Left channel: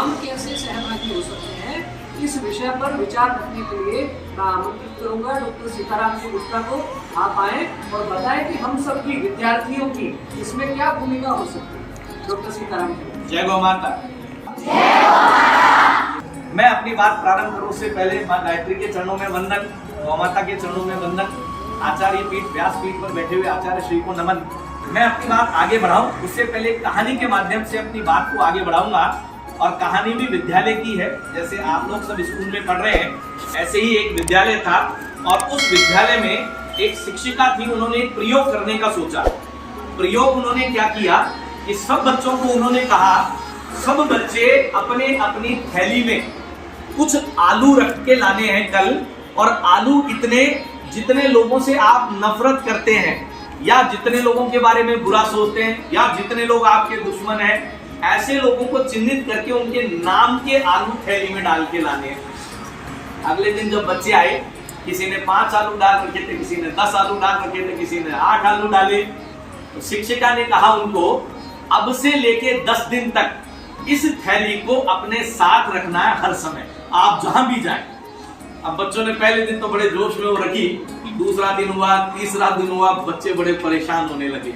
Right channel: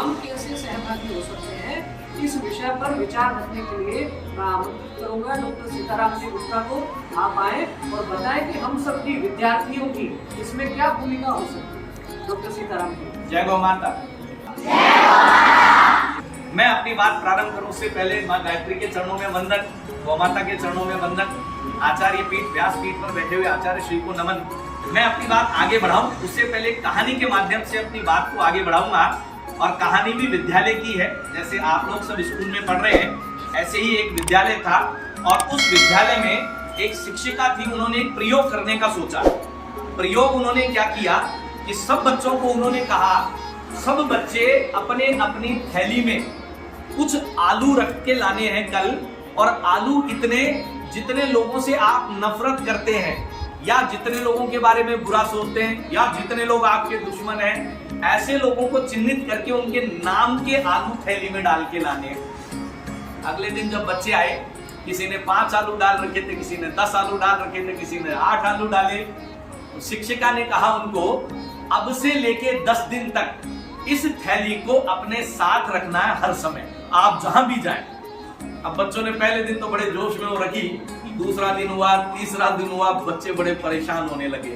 हम कैसे सहभागी हो सकते हैं, इस विषय पर विचार रखने के लिए मैं आमंत्रित करूंगा डॉक्टर सीताराम जी गुप्ता को। आप आए और बताएं कि हम सबकी विद्यार्थियों की इसमें क्या भूमिका हो सकती है। डॉक्टर सीताराम जी। जय गौ माता। मैं अपनी बात प्रारंभ करूं उससे पहले मां गायत्री के चरणों में वंदन, गौ माता के चरणों में वंदन, आचार्य पीठ व्यास पीठ पर बैठे हुए आचार्य श्री को नमन। मैं अपनी बात आगे बढ़ाऊं उससे पहले कहानी के माध्यम से अपनी बात को आगे बढ़ाऊंगा। और कहानी भी विद्यालय की है। जैसे आप लोग सब स्कूल में पढ़ रहे हैं, ऐसे ही एक विद्यालय था और उस विद्यालय में एक शिक्षिका थी। उन्होंने एक प्रयोग करने का सोचा। प्रयोग उन्होंने क्या किया कि सब बच्चों को उन्होंने कहा, सब बच्चे अपने अपनी थैली में कुछ आलू रख के लाने हैं कल, और आलू इतने जितने लोगों से आप नफरत करते हैं या जितने लोगों के बारे में बुरा सोचते हैं या जितने लोग आपके दुश्मन हैं, ऐसे लोगों को चिन्हित करके उनके नाम के आलू थैली में डाल के लाने हैं। अगले दिन जब बच्चे आए, किसी ने 5 आलू डाल रखे थे, किसी ने 10 आलू डाल रखे थे, किसी ने 8 आलू डाले। तो शिक्षिका ने कहा उनको, अब से लेके 10 दिन तक इस थैली को अपने साथ रखना है हर समय, आप जहां भी जाएं। अब बच्चों ने पहले दिन तो बड़े जोश में वो रखी, दूसरा दिन हुआ, तीसरा दिन हुआ, बच्चे बड़े परेशान होने लगे,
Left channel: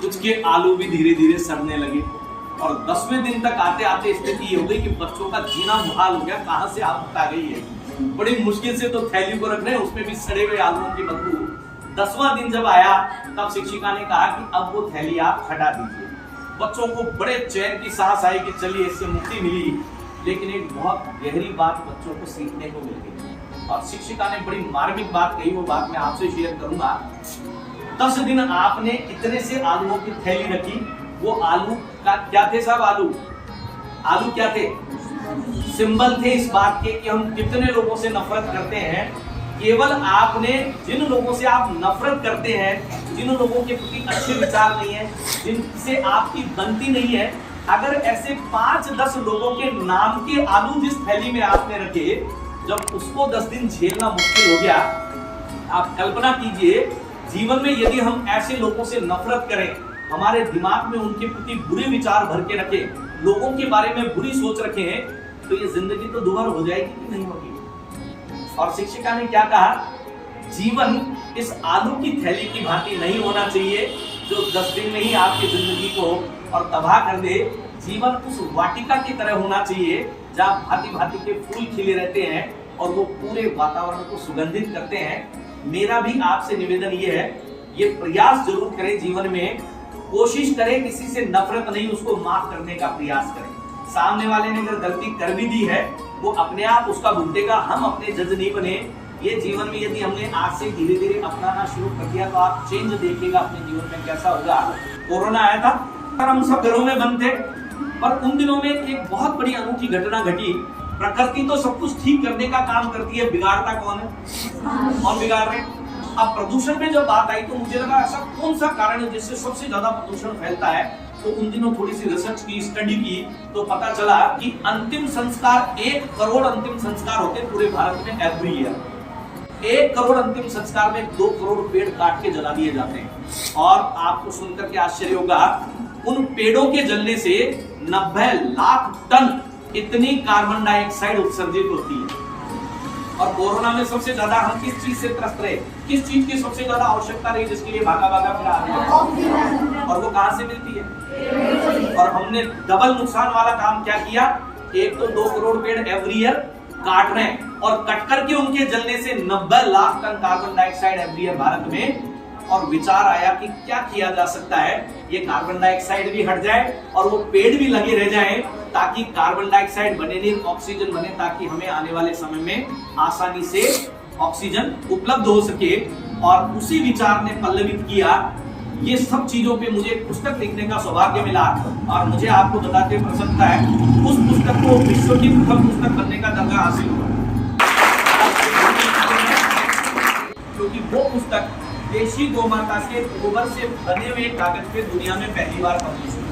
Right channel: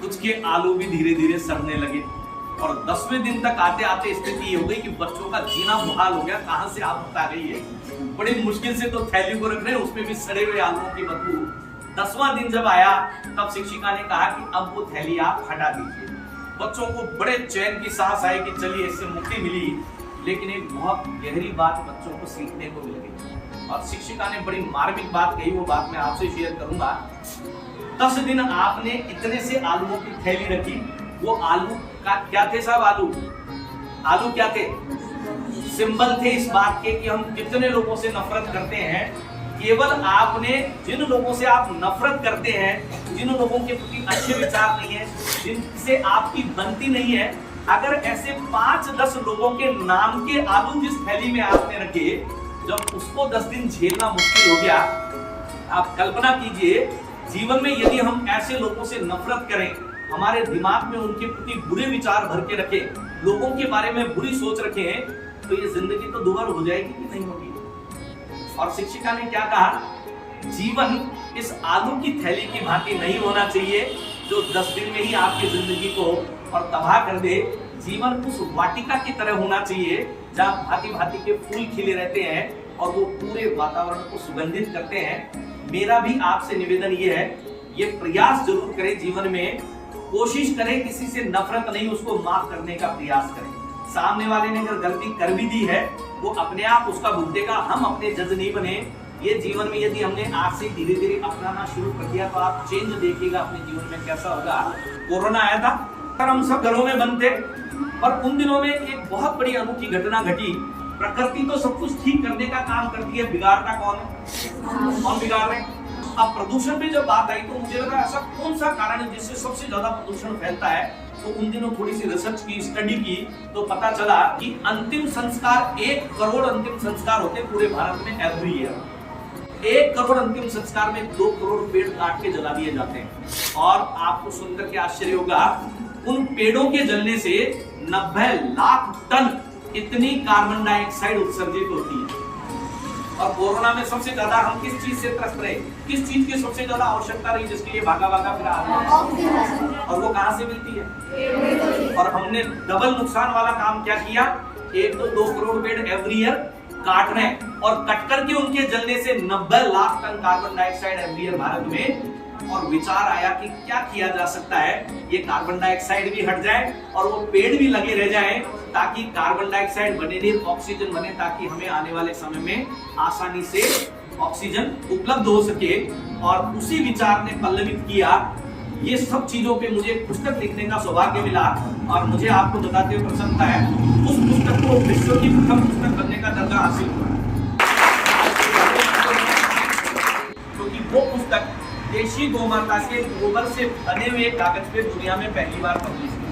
कुछ के आलू भी धीरे धीरे सड़ने लगे। और 10वें दिन तक आते आते स्थिति ये हो गई कि बच्चों का जीना मुहाल हो गया, कहां से आफत आ गई है। बड़ी मुश्किल से तो थैली को रख रहे हैं, उसमें भी सड़े हुए आलूओं की बदबू। 10वां दिन जब आया तब शिक्षिका ने कहा कि अब वो थैली आप हटा दीजिए। बच्चों को बड़े चैन की सांस आई कि चलिए इससे मुक्ति मिली। लेकिन एक बहुत गहरी बात बच्चों को सीखने को मिल गई और शिक्षिका ने बड़ी मार्मिक बात कही। वो बात मैं आपसे शेयर करूंगा। 10 दिन आपने इतने से आलूओं की थैली रखी। वो आलू का क्या थे साहब? आलू क्या थे? सिंबल थे इस बात के कि हम कितने लोगों से नफरत करते हैं। केवल आपने जिन लोगों से आप नफरत करते हैं, जिन लोगों के प्रति अच्छे विचार नहीं है, जिनसे आपकी बनती नहीं है, अगर ऐसे 5-10 लोगों के नाम के आलू जिस थैली में आपने रखे, जब उसको 10 दिन झेलना मुश्किल हो गया, आप कल्पना कीजिए जीवन में यदि हम ऐसे लोगों से नफरत करें, हमारे दिमाग में उनके प्रति बुरे विचार भर के रखें, लोगों के बारे में बुरी सोच रखें, तो ये जिंदगी तो दुभर हो जाएगी कि नहीं होगी। और शिक्षिका ने क्या कहा, जीवन इस आलू की थैली की भांति नहीं होना चाहिए जो 10 दिन में ही आपकी जिंदगी को और तबाह कर दे। जीवन उस वाटिका की तरह होना चाहिए जहाँ भांति भांति के फूल खिले रहते हैं और वो पूरे वातावरण को सुगंधित करते हैं। मेरा भी आपसे निवेदन ये है, ये प्रयास जरूर करें जीवन में, कोशिश करें किसी से नफरत नहीं, उसको माफ करने का प्रयास करें। सामने वाले ने अगर गलती कर भी दी है, वो अपने आप उसका भुगतेगा, हम अपने जज नहीं बने। ये जीवन में यदि हमने आज से धीरे धीरे अपनाना शुरू कर दिया तो आप चेंज देखिएगा अपने जीवन में कैसा होगा। कोरोना आया था और हम सब घरों में बंद थे, पर उन दिनों में एक बहुत बड़ी अनूठी घटना घटी। प्रकृति तो सब कुछ ठीक करने का काम करती है, बिगाड़ता कौन है? कौन बिगाड़ रहे हैं? अब प्रदूषण पे जब बात आई तो मुझे लगा ऐसा कौन सा कारण है जिससे सबसे ज्यादा प्रदूषण फैलता है। तो उन दिनों थोड़ी सी रिसर्च की, स्टडी की, तो पता चला कि अंतिम संस्कार 1 करोड़ अंतिम संस्कार होते पूरे भारत में एवरी ईयर। 1 करोड़ अंतिम संस्कार में 2 करोड़ पेड़ काट के जला दिए जाते हैं। और आपको सुनकर के आश्चर्य होगा, उन पेड़ों के जलने से 90 लाख टन इतनी कार्बन डाइऑक्साइड उत्सर्जित होती है। और कोरोना में सबसे ज्यादा हम किस चीज से त्रस्त रहे, किस चीज की सबसे ज्यादा आवश्यकता रही, जिसके लिए भागा भागा फिर आ रही है, और वो कहां से मिलती है? और हमने डबल नुकसान वाला काम क्या किया, एक तो 2 करोड़ पेड़ एवरी ईयर काट रहे हैं और कट करके उनके जलने से 90 lakh ton carbon dioxide every year Bharat में। और विचार आया कि क्या किया जा सकता है, ये कार्बन डाइऑक्साइड भी हट जाए और वो पेड़ भी लगे रह जाएं, ताकि कार्बन डाइऑक्साइड बने नहीं, ऑक्सीजन बने, ताकि हमें आने वाले समय में आसानी से ऑक्सीजन उपलब्ध हो सके। और उसी विचार ने पल्लवित किया। ये सब चीजों पे मुझे पुस्तक लिखने का सौभाग्य मिला और मुझे आपको बताते हुए प्रसन्नता है, उस पुस्तक को विश्व की प्रथम पुस्तक बनने का दर्जा हासिल हुआ, क्योंकि वो पुस्तक देशी गौमाता के गोबर से बने हुए कागज पे दुनिया में पहली बार पब्लिश हुई।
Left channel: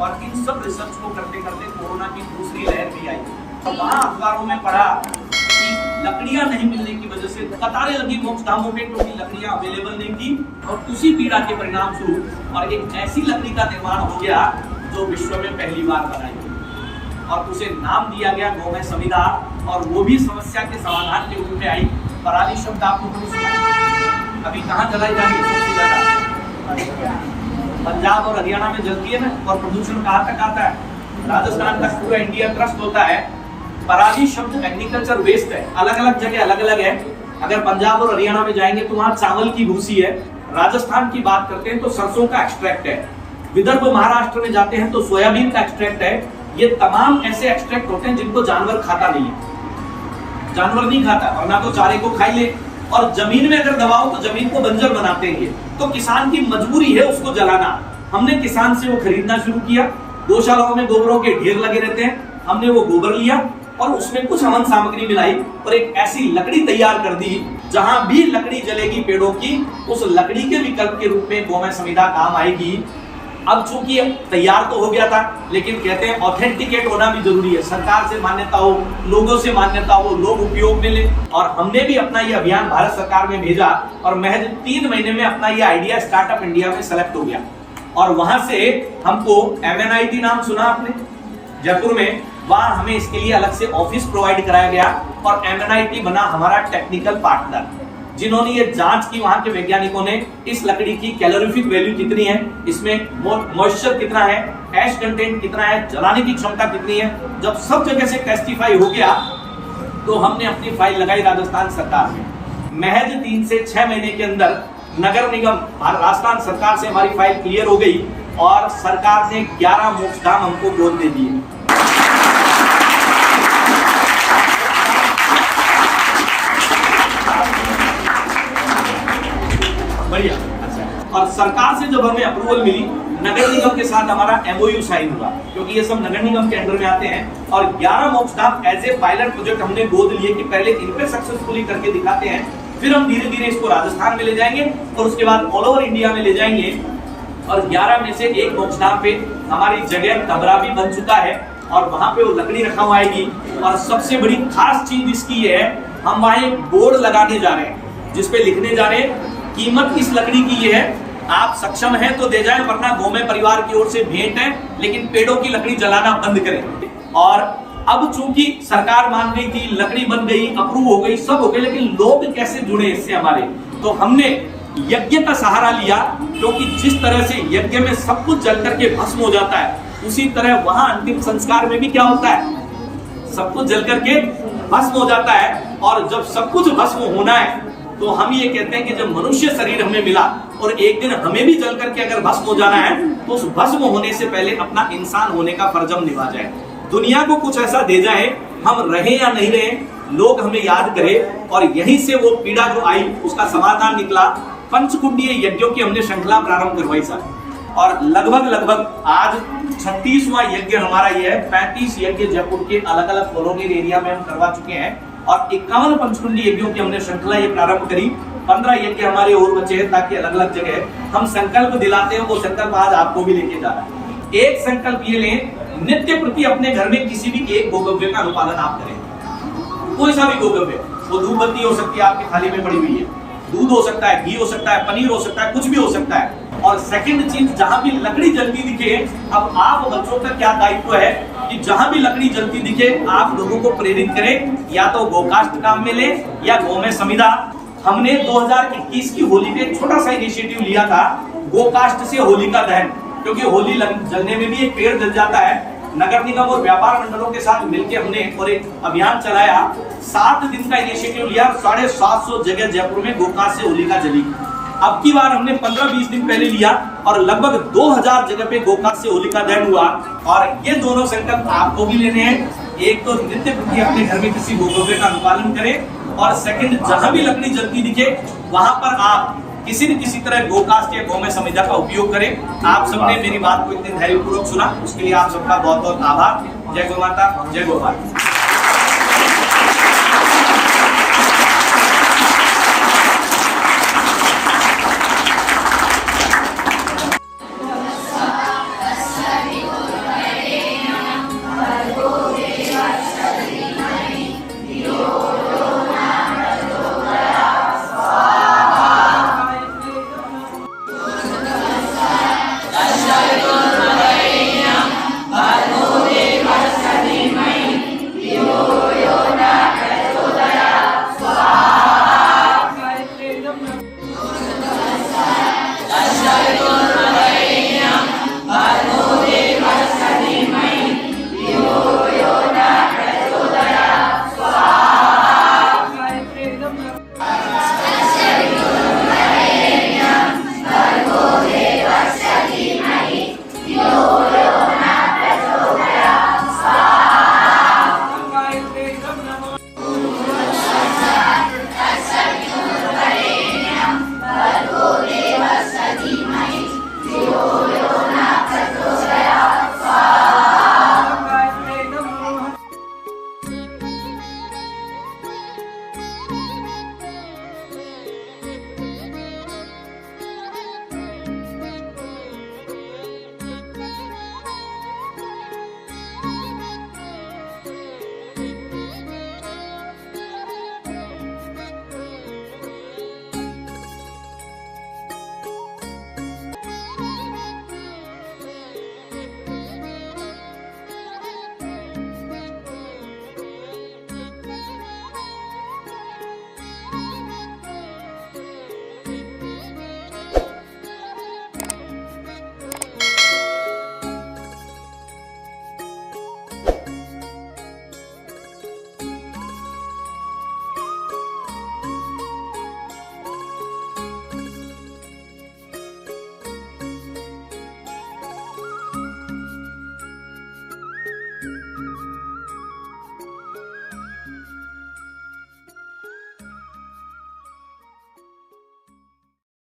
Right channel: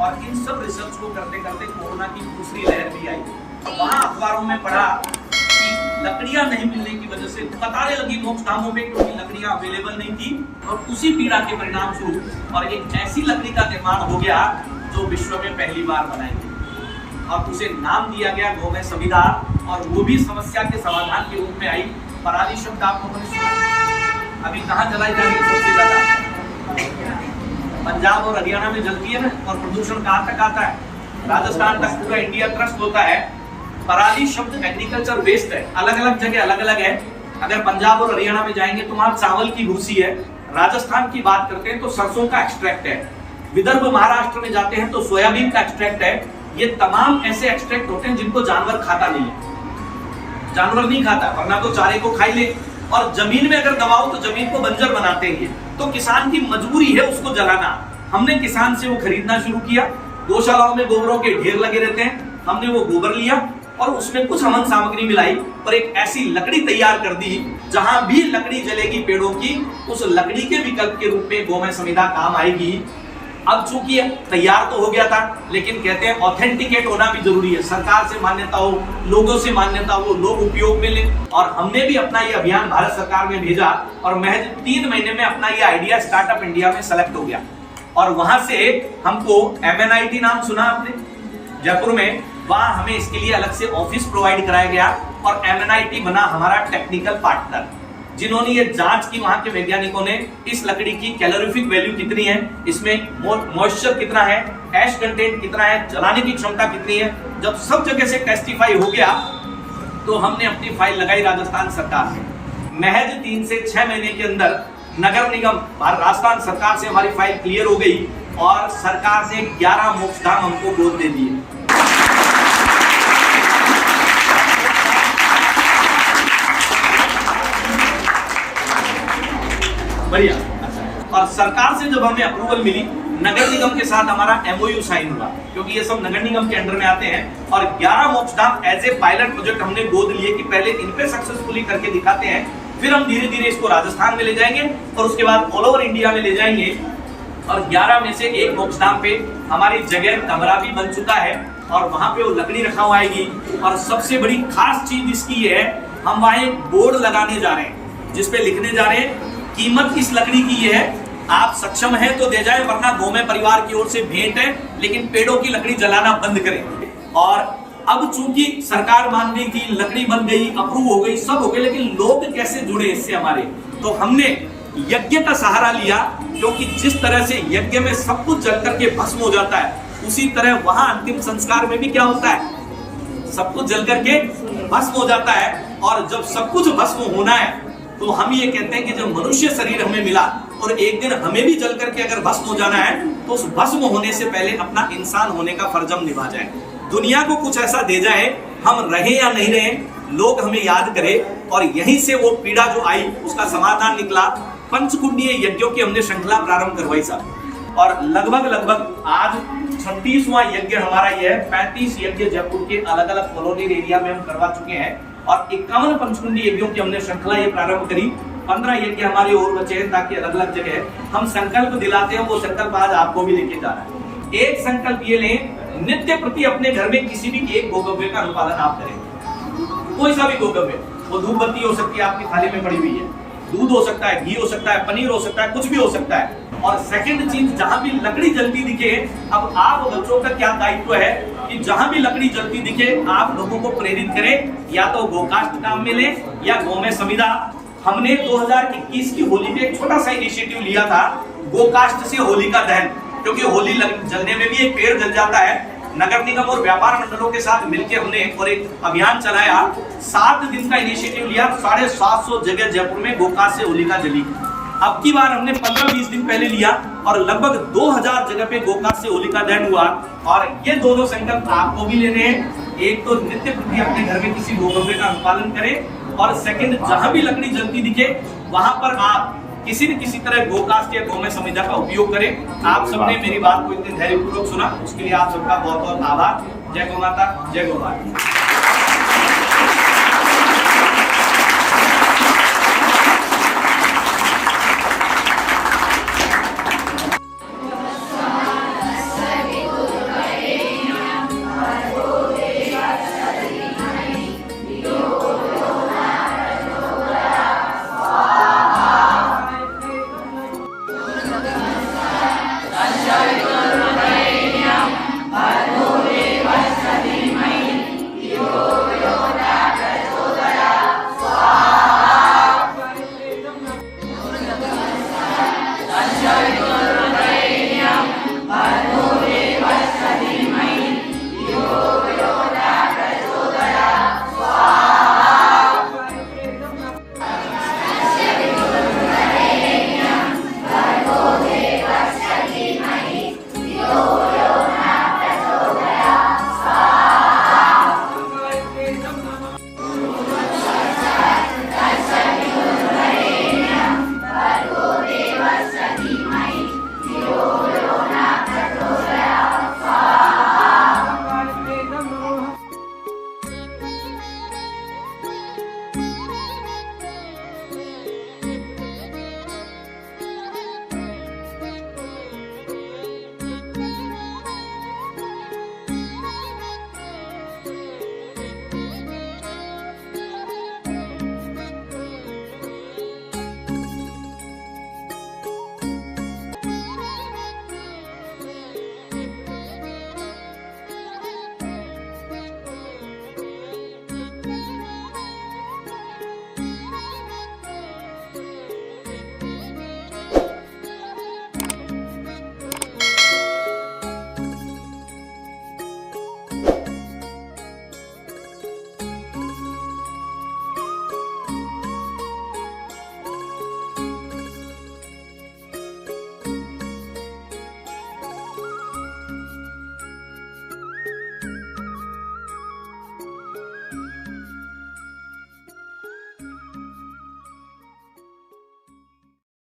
और इन सब रिसर्च को करते करते कोरोना की दूसरी लहर भी आई। वहां अखबारों में पढ़ा कि लकड़ियां नहीं मिलने की वजह से कतारें लगी मोक्ष धामों में, क्योंकि लकड़ियां अवेलेबल नहीं थी। और उसी पीड़ा के परिणाम स्वरूप और एक ऐसी लकड़ी का निर्माण हो गया जो विश्व में पहली बार बनाई गई, और उसे नाम दिया गया गौमय संविदा। और वो भी समस्या के समाधान के रूप में आई। पराली शब्द आप लोगों ने सुना? अभी कहाँ जलाई जा रही है सबसे ज्यादा? पंजाब और हरियाणा में जलती है ना। और प्रदूषण कहाँ तक आता है? राजस्थान तक पूरा इंडिया त्रस्त होता है। पराली शब्द एग्रीकल्चर वेस्ट है, अलग अलग जगह अलग अलग है। अगर पंजाब और हरियाणा में जाएंगे तो वहां चावल की भूसी है। राजस्थान की बात करते हैं तो सरसों का एक्सट्रैक्ट है। विदर्भ महाराष्ट्र में जाते हैं तो सोयाबीन का एक्सट्रैक्ट है। ये तमाम ऐसे एक्सट्रैक्ट होते हैं जिनको जानवर खाता नहीं है। जानवर नहीं खाता, वरना तो चारे को खाई ले। और जमीन में अगर दबाओ तो जमीन को बंजर बनाते हैं। तो किसान की मजबूरी है उसको जलाना। हमने किसान से वो खरीदना शुरू किया। गौशालाओं में गोबरों के ढेर लगे रहते हैं। हमने वो गोबर लिया और उसमें कुछ हवन सामग्री मिलाई और एक ऐसी लकड़ी तैयार कर दी जहां भी लकड़ी जलेगी पेड़ों की, उस लकड़ी के विकल्प के रूप में गौमय संविदा काम आएगी। अब चूंकि तैयार तो हो गया था, लेकिन कहते हैं ऑथेंटिकेट होना भी जरूरी है। सरकार से मान्यता हो, लोगों से मान्यता हो, लोग उपयोग में ले। और हमने भी अपना ये अभियान भारत सरकार में भेजा और महज 3 महीने में अपना ये आइडिया स्टार्टअप इंडिया में सेलेक्ट हो गया। और वहां से हमको MNIT नाम सुना आपने जयपुर में, वहां हमें इसके लिए अलग से ऑफिस प्रोवाइड कराया गया और MNIT बना हमारा टेक्निकल पार्टनर, जिन्होंने ये जांच की वहां के वैज्ञानिकों ने इस लकड़ी की कैलोरीफिक वैल्यू कितनी है, इसमें मॉइस्चर कितना है, एश कंटेंट कितना है, जलाने की क्षमता कितनी है। जब सब जगह से टेस्टिफाई हो गया तो हमने अपनी फाइल लगाई राजस्थान सरकार में। महज 3 से 6 महीने के अंदर नगर निगम राजस्थान सरकार से हमारी फाइल क्लियर हो गई और सरकार ने 11 मोक्षधाम हमको गोद दे दिए। बढ़िया, अच्छा। और सरकार से जब हमें अप्रूवल मिली, नगर निगम के साथ हमारा MOU साइन हुआ, क्योंकि ये सब नगर निगम के अंडर में आते हैं। और 11 मोक्षधाम एज ए पायलट प्रोजेक्ट हमने गोद लिए कि पहले इन पे सक्सेसफुली करके दिखाते हैं, फिर हम धीरे धीरे इसको राजस्थान में ले जाएंगे और उसके बाद ऑल ओवर इंडिया में ले जाएंगे। और 11 में से एक मोक्षधाम पे हमारी जगह कमरा भी बन चुका है और वहां पे वो लकड़ी रखा हुआ आएगी। और सबसे बड़ी खास चीज इसकी ये है, हम वहां एक बोर्ड लगाने जा रहे हैं जिसपे लिखने जा रहे हैं कीमत इस लकड़ी की ये है, आप सक्षम हैं तो दे जाएं, वरना गौमय परिवार की ओर से भेंट है, लेकिन पेड़ों की लकड़ी जलाना बंद करें। और अब चूंकि सरकार मान गई थी, लकड़ी बन गई, अप्रूव हो गई, सब हो गई, लेकिन लोग कैसे जुड़े इससे हमारे, तो हमने यज्ञ का सहारा लिया। क्योंकि जिस तरह से यज्ञ में सब कुछ जल करके भस्म हो जाता है, उसी तरह वहां अंतिम संस्कार में भी क्या होता है, सब कुछ जल करके भस्म हो जाता है। और जब सब कुछ भस्म होना है तो हम ये कहते हैं कि जब मनुष्य शरीर हमें मिला और एक दिन हमें भी जल करके अगर भस्म हो जाना है, तो उस भस्म होने से पहले अपना इंसान होने का फर्ज हम निभा जाए। दुनिया को कुछ ऐसा दे जाए, हम रहे या नहीं रहे, लोग हमें याद करें। और यहीं से वो पीड़ा जो आई उसका समाधान निकला। पंचकुंडीय यज्ञों की हमने श्रृंखला प्रारंभ करवाई साहब, और लगभग आज 36वां यज्ञ हमारा ये है। 35 यज्ञ जयपुर के अलग अलग कॉलोनियल एरिया में हम करवा चुके हैं और 51 पंचकुंडी यज्ञों की हमने श्रृंखला ये प्रारंभ करी। 15 यज्ञ हमारे और बचे हैं, ताकि अलग अलग जगह हम संकल्प दिलाते हैं। वो संकल्प आज आपको भी लेके जा रहा है। एक संकल्प ये लें, नित्य प्रति अपने घर में किसी भी एक गोगव्य का अनुपालन आप करें। कोई सा भी गोगव्य, वो धूप बत्ती हो सकती है आपकी थाली में पड़ी हुई है, दूध हो सकता है, घी हो सकता है, पनीर हो सकता है, कुछ भी हो सकता है। और सेकंड चीज, जहां भी लकड़ी जलती दिखे, अब आप बच्चों का क्या दायित्व है कि जहां भी लकड़ी जलती दिखे आप लोगों को प्रेरित करें, या तो गोकास्ट काम में ले या गौमय संविदा। हमने 2021 की होली पे एक छोटा सा इनिशिएटिव लिया था, गोकास्ट से होली का दहन, क्योंकि होली जलने में भी एक पेड़ जल जाता है। नगर निगम और व्यापार मंडलों के साथ मिलकर हमने और एक अभियान चलाया। 7 दिन का इनिशिएटिव लिया, 750 जगह जयपुर में गोकास्ट से होली का जली। अब की बार हमने 15-20 दिन पहले लिया और लगभग 2000 जगह पे गोकास्ट से होलिका दहन हुआ। और ये दोनों संकल्प आपको भी लेने हैं। एक तो नित्य प्रति अपने घर में किसी गोगव्य का अनुपालन करें, और सेकंड, जहां भी लकड़ी जलती दिखे वहां पर आप किसी न किसी तरह गोकास्ट या गौमय संविदा का उपयोग करें। आप सबने मेरी बात को इतने धैर्यपूर्वक सुना, उसके लिए आप सबका बहुत बहुत आभार। जय गौ माता, जय गौ भारत।